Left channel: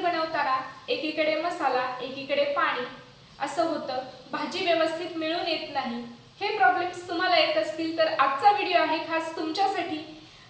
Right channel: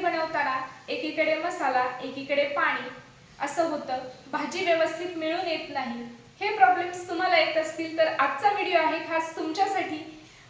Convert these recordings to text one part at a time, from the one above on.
बनवताना एकीकडे मसाला एकीकडे पाणी. असं होतं भाजी व्यवस्थित मिळून येत नाही. हे प्रॉब्लेम्स तुम्हाला येत असतील तर आजचा व्हिडिओ आहे खास तुमच्यासाठी.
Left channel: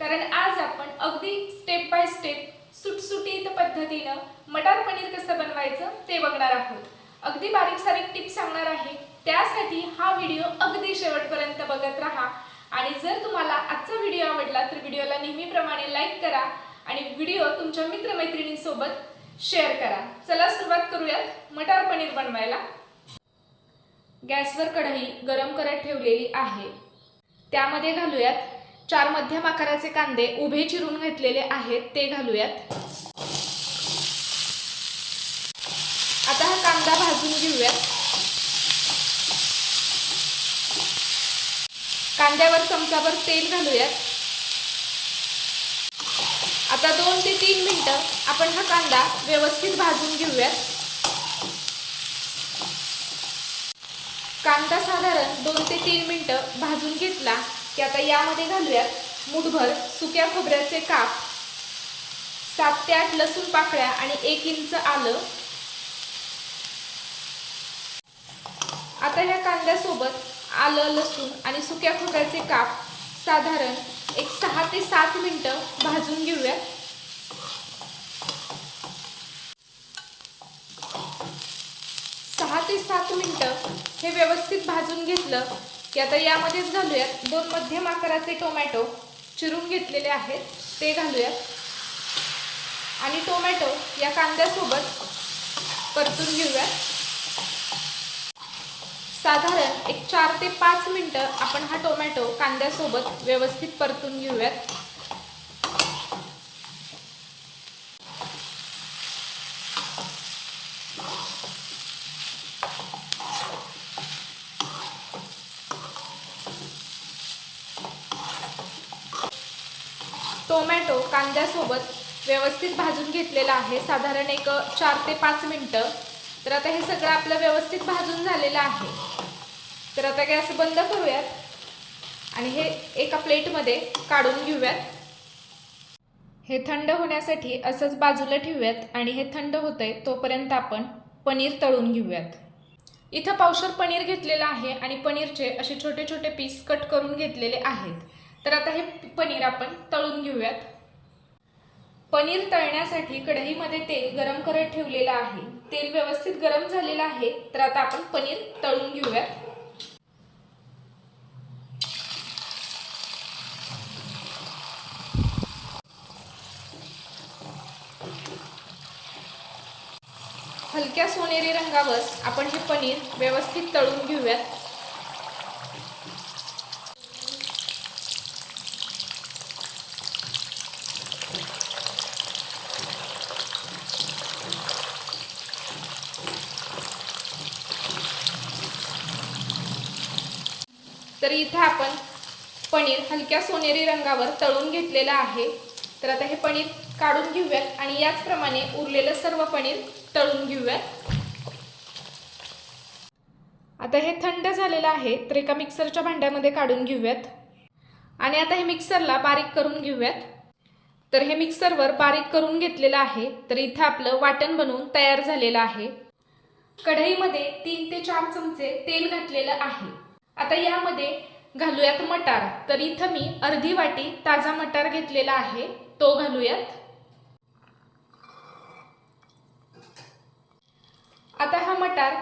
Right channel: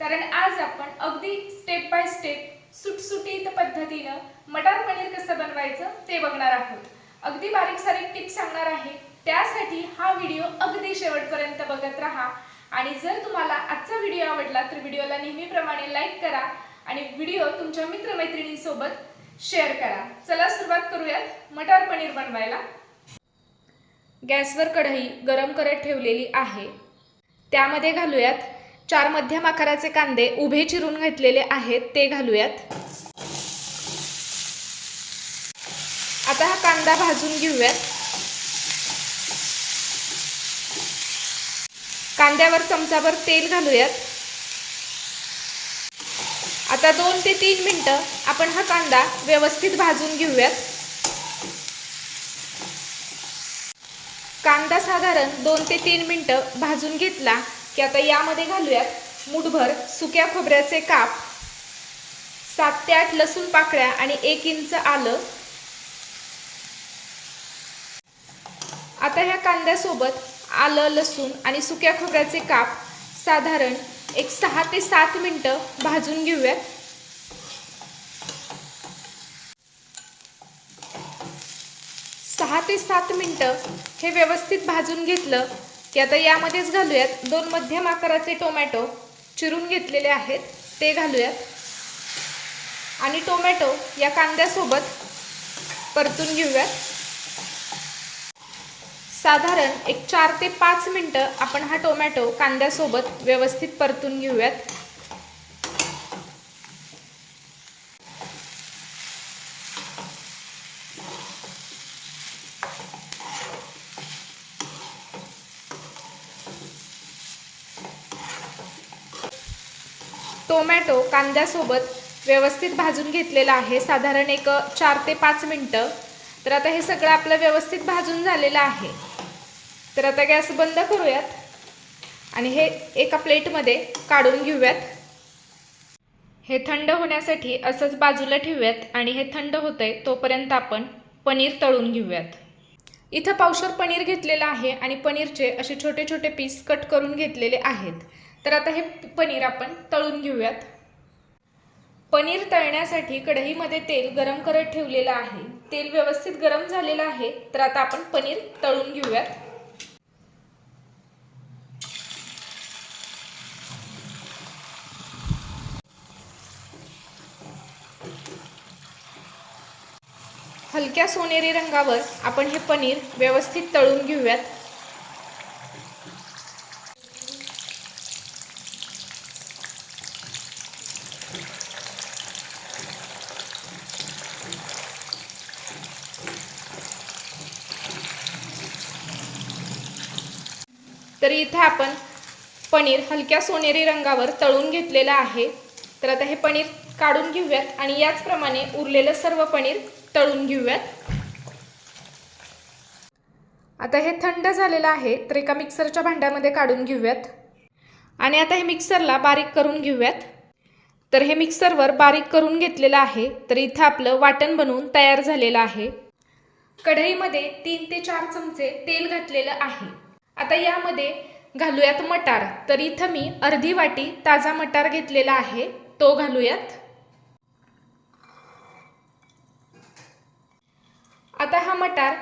कारण आज आपण अगदी स्टेप बाय स्टेप सुटसुटीत पद्धतीनं मटार पनीर कसं बनवायचं ते बघणार आहोत. अगदी बारीक सारीक टिप्स सांगणार आहे. त्यासाठी हा व्हिडिओ अगदी शेवटपर्यंत बघत राहा. आणि जर तुम्हाला आजचा व्हिडिओ आवडला तर व्हिडिओला नेहमीप्रमाणे लाईक करा. आणि व्हिडिओ तुमच्या मित्रमैत्रिणींसोबत शेअर करा. चला सुरुवात करूयात मटार पनीर बनवायला. गॅसवर कढई गरम करत ठेवलेली आहे. त्यामध्ये घालूयात चार मध्यम आकाराचे कांदे उभे चिरून घेतलेले आहेत ते घालूयात. आता हा कांदा भाजून घेऊयात. कांद्यावर चमचाभर तेल घालूयात. आता दोन ते तीन मिनटं आपण हा कांदा व्यवस्थित भाजून घेऊयात. कांदा साधारण दोन ते तीन मिनटं भाजून घेतला की आता यामध्ये घालूयात मुठभर सुक्या खोबऱ्याचे काप सात ते आठ लसूण पाकळ्या आणि एक इंच आलं. आता ह्या कांद्यासोबत आलं लसूण आणि सुक्या खोबऱ्याचे काप साधारण एक सहा ते सात मिनटं भाजून घेऊयात सहा ते सात मिनटं हे व्यवस्थित भाजून घेतलं की आता यामध्येच घालूयात. दोन मध्यम आकाराचे टोमॅटो चिरून घेतलेले आहेत ते घालूयात. आणि टोमॅटो या कांद्यासोबत परतून घेऊयात. साधारण एक चार ते पाच मिनटं आपण हा टोमॅटो कांद्यासोबत व्यवस्थित परतून घेऊयात. टोमॅटो कांद्यासोबत व्यवस्थित भाजून घेतलेला आहे साधारण एक चार ते पाच मिनटं. तर आता हे सगळं आपलं व्यवस्थित भाजून झालेलं आहे. तर आता गॅस बंद करूयात. आणि हे एका प्लेटमध्ये काढून घेऊयात. हे थंड होण्यासाठी असंच बाजूला ठेवूयात आणि हे थंड होतंय तोपर्यंत आपण पनीर तळून घेऊयात. इथं पावशर पनीर घेतलेलं आहे आणि पनीरचे असे छोटे छोटे पीस कट करून घेतलेले आहेत. तर आता हे पनीर आपण तळून घेऊयात. पनीर तळण्यासाठी कढईमध्ये तेल गरम करत ठेवलेलं आहे. तेल व्यवस्थित गरम झालेलं आहे. तर आता आपण पनीर तळून घेऊयात. हलक्या सोनेरी रंगावर आपण हे पनीर व्यवस्थित तळून घेऊयात. तर इथे आपण पनीर हलक्या सोनेरी रंगावर तळून घेतलेलं आहे. तर आता हे पनीर काढून घेऊयात आणि याचप्रमाणे उरलेलं सर्व पनीर तळून घेऊयात आता हे थंड झालेलं आहे तर एका मिक्सरच्या भांड्यामध्ये काढून घेऊयात. आणि आता हे मिक्सरला बारीक करून घेऊयात. तर हे मिक्सरवर बारीक करून घेतलेलं आहे तर इथं आपलं वाटण बनवून तयार झालेलं आहे. कढईमध्ये तीन ते चार चमचे तेल घातलेलं आहे. आता यामध्ये घालूयात मटार तर इथं मी अर्धी वाटी ताजा मटार घेतलेला आहे तो घालूयात. आता हा मटार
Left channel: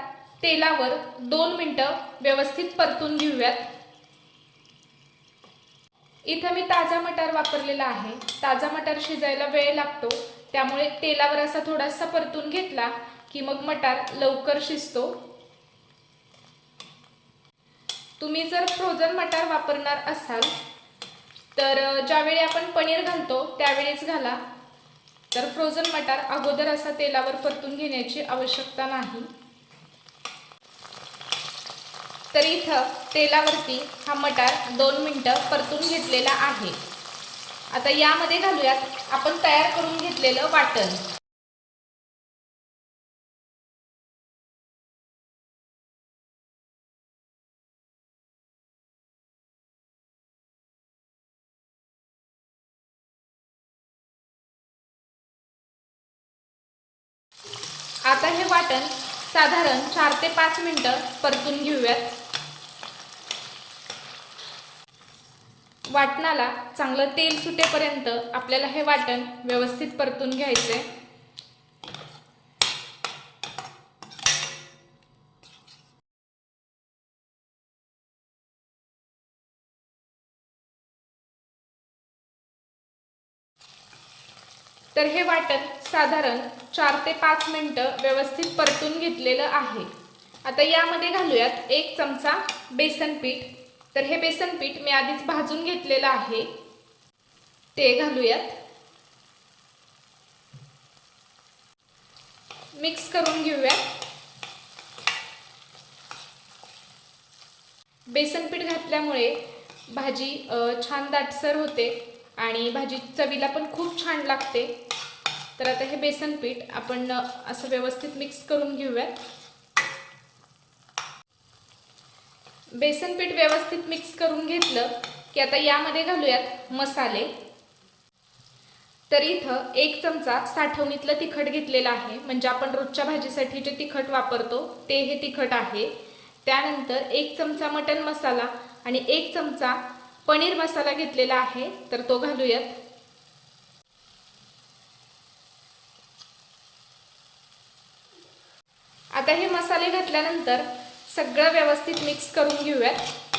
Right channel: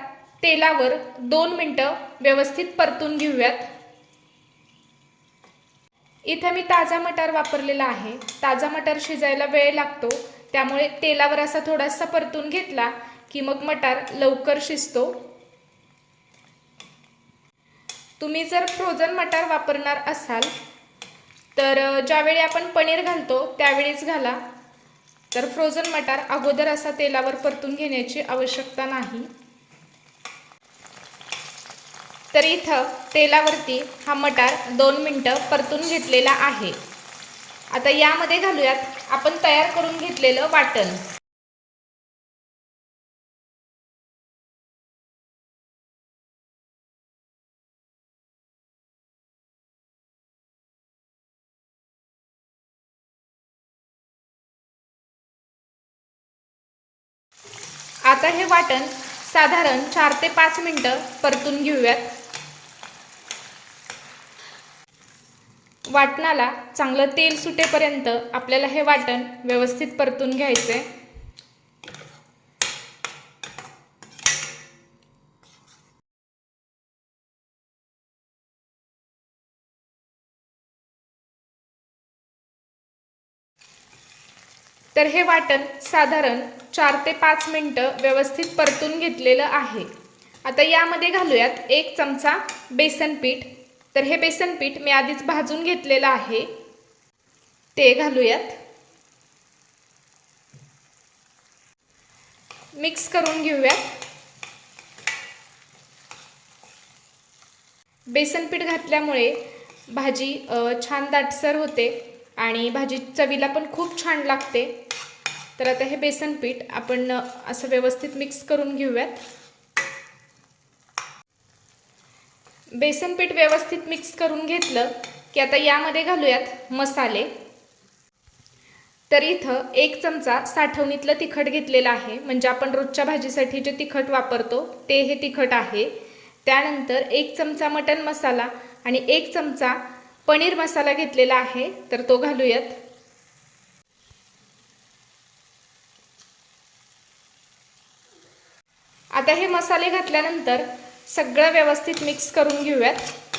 तेलावर दोन मिनटं व्यवस्थित परतून घेऊयात. इथं मी ताजा मटार वापरलेला आहे. ताजा मटार शिजायला वेळ लागतो. त्यामुळे तेलावर असा थोडासा परतून घेतला की मग मटार लवकर शिजतो. तुम्ही जर फ्रोझन मटार वापरणार असाल तर ज्यावेळी आपण पनीर घालतो त्यावेळीच घाला. तर फ्रोझन मटार अगोदर असा तेलावर परतून घेण्याची आवश्यकता नाही. तर इथं तेलावरती हा मटार दोन मिनटं परतून घेतलेला आहे. आता यामध्ये घालूयात आपण तयार करून घेतलेलं वाटण. आता हे वाटण साधारण चार ते पाच मिनटं परतून घेऊयात. वाटणाला चांगलं तेल सुटेपर्यंत आपल्याला हे वाटण व्यवस्थित परतून घ्यायचंय. तर हे वाटण साधारण चार ते पाच मिनटं व्यवस्थित परतून घेतलेलं आहे. आता यामध्ये घालूयात एक चमचा बेसन पीठ. तर हे बेसन पीठ मी आधीच भाजून घेतलेलं आहे. ते घालूयात. मिक्स करून घेऊयात. बेसन पीठ घातल्यामुळे भाजी छान दाटसर होते. आणि भाजी चवीला पण खूप छान लागते. तर आता हे बेसन पीठ आपण असं व्यवस्थित मिक्स करून घेऊयात. बेसन पीठ व्यवस्थित मिक्स करून घेतलं की आता यामध्ये घालूयात मसाले. तर इथं एक चमचा साठवणीतलं तिखट घेतलेलं आहे. म्हणजे आपण रोजच्या भाजीसाठी जे तिखट वापरतो ते हे तिखट आहे. त्यानंतर एक चमचा मटन मसाला आणि एक चमचा पनीर मसाला घेतलेला आहे तर तो घालूयात. आता हे मसाले घातल्यानंतर सगळं व्यवस्थित मिक्स करून घेऊयात.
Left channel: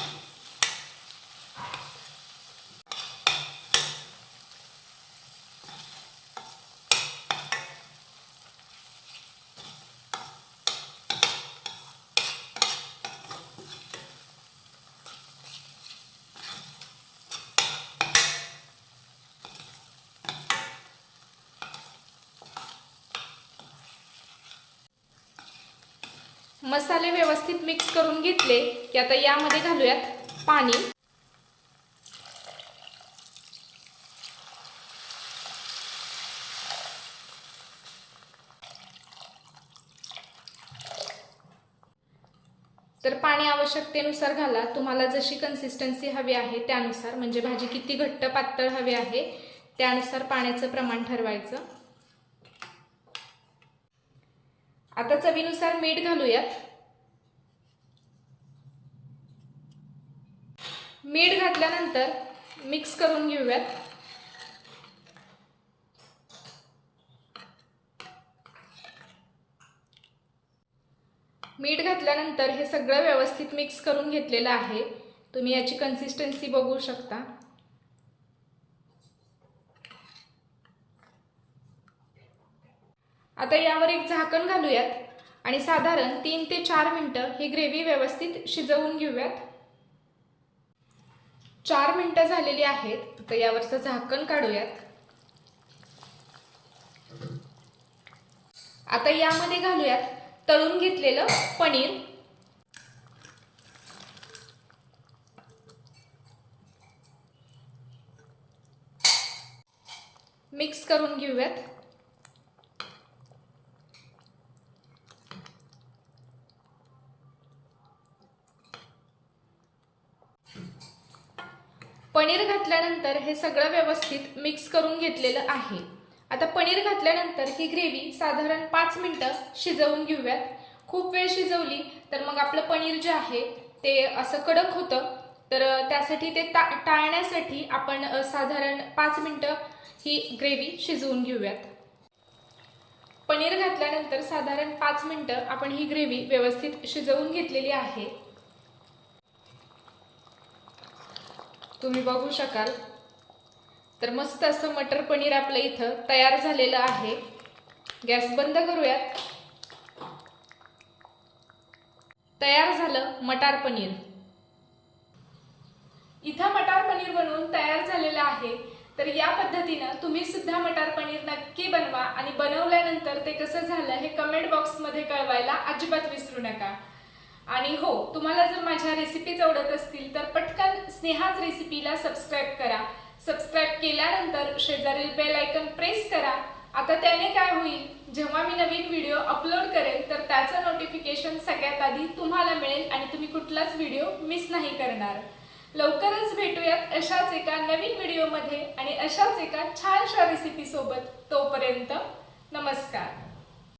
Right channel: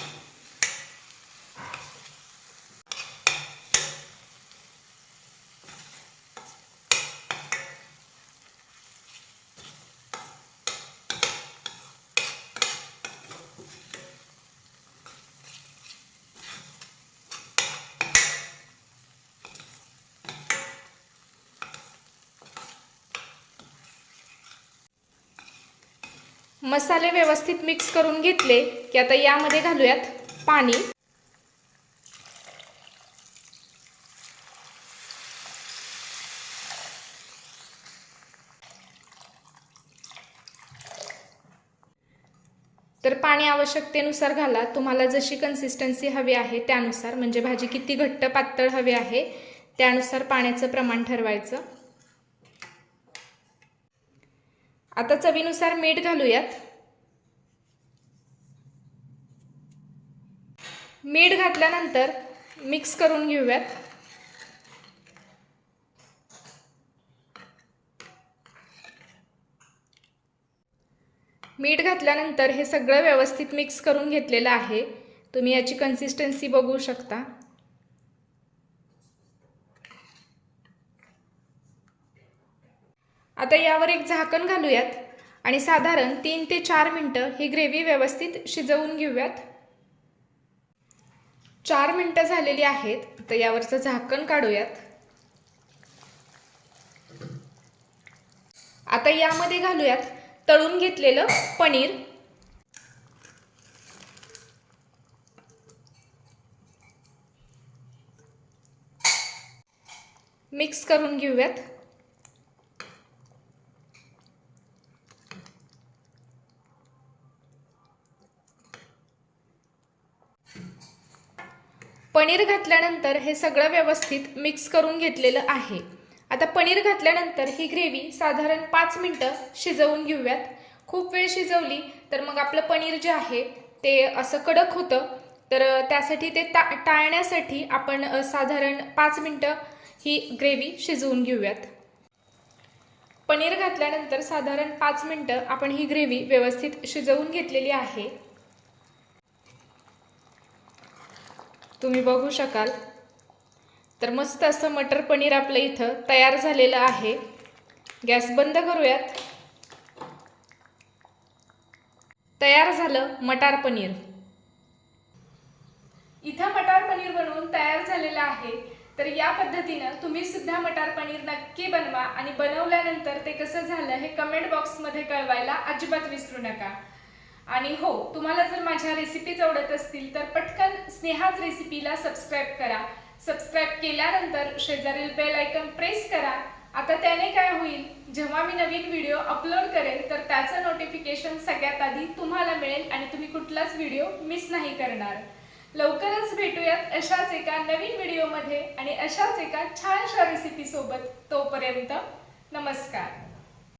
मसाले व्यवस्थित मिक्स करून घेतले की आता यामध्ये घालूयात पाणी. तर पाणी आवश्यकतेनुसार घाला. तुम्हाला जशी कन्सिस्टन्सी हवी आहे त्यानुसार म्हणजे भाजी किती घट्ट पातळ हवी आहे त्यानुसार पाण्याचं प्रमाण ठरवायचं. आता चवीनुसार मीठ घालूयात. मीठ घातल्यानंतर मिक्स करून घेऊयात. मीठ घातल्यानंतर हे सगळं व्यवस्थित मिक्स करून घेतलेलं आहे. तुम्ही याची कन्सिस्टन्सी बघू शकता. आता यावर एक झाकण घालूयात आणि साधारण तीन ते चार मिनटं ही ग्रेव्ही व्यवस्थित शिजवून घेऊयात. चार मिनटं झालेली आहेत तर यावरचं झाकण काढूयात. आता यामध्ये घालूयात तळून घेतलेलं पनीर. मिक्स करून घेऊयात. पनीर घातल्यानंतर हे सगळं व्यवस्थित मिक्स करून घेतलेलं आहे. आता पनीर घातल्यानंतर ही ग्रेव्ही साधारण पाच मिनटं शिजवून घेऊयात. खूप वेळ शिजवली तर मग आपलं पनीर जे आहे ते असं कडक होतं. तर त्यासाठी ते टा टाळण्यासाठी आपण साधारण पाच मिनटं ही ग्रेव्ही शिजवून घेऊयात. पनीर घातल्यानंतर साधारण पाच मिनटं आपण ही ग्रेव्ही व्यवस्थित शिजवून घेतलेली आहे. तुम्ही बघू शकाल. तर मस्त असं मटर पनीर आपलं इथं तयार झालेलं आहे. गॅस बंद करूयात. तयार झालं मटार पनीर. इथं मटार पनीर बनवून तयार झालेलं आहे. तर या पद्धतीनं तुम्ही सुद्धा मटार पनीर नक्की बनवा आणि बनवल्यानंतर ते कसं झालं हे कमेंट बॉक्समध्ये कळवायला अजिबात विसरू नका. आणि हो तुम्हाला जर माझ्या रेसिपीज आवडत असतील तर पटकन स्नेहाज रेसिपीला सबस्क्राईब करा. सबस्क्राईब केल्यानंतर शेजारील बेल आयकन प्रेस करा. आता त्याने काय होईल जेव्हा मी नवीन व्हिडिओ अपलोड करेन तर त्याचं नोटिफिकेशन सगळ्यात आधी तुम्हाला मिळेल आणि तुम्ही कुठलाच व्हिडिओ मिस नाही करणार. लवकरच भेटूयात अशाच एका नवीन व्हिडिओमध्ये आणि अशाच एका छानशा रेसिपीसोबत तोपर्यंत नमस्कार.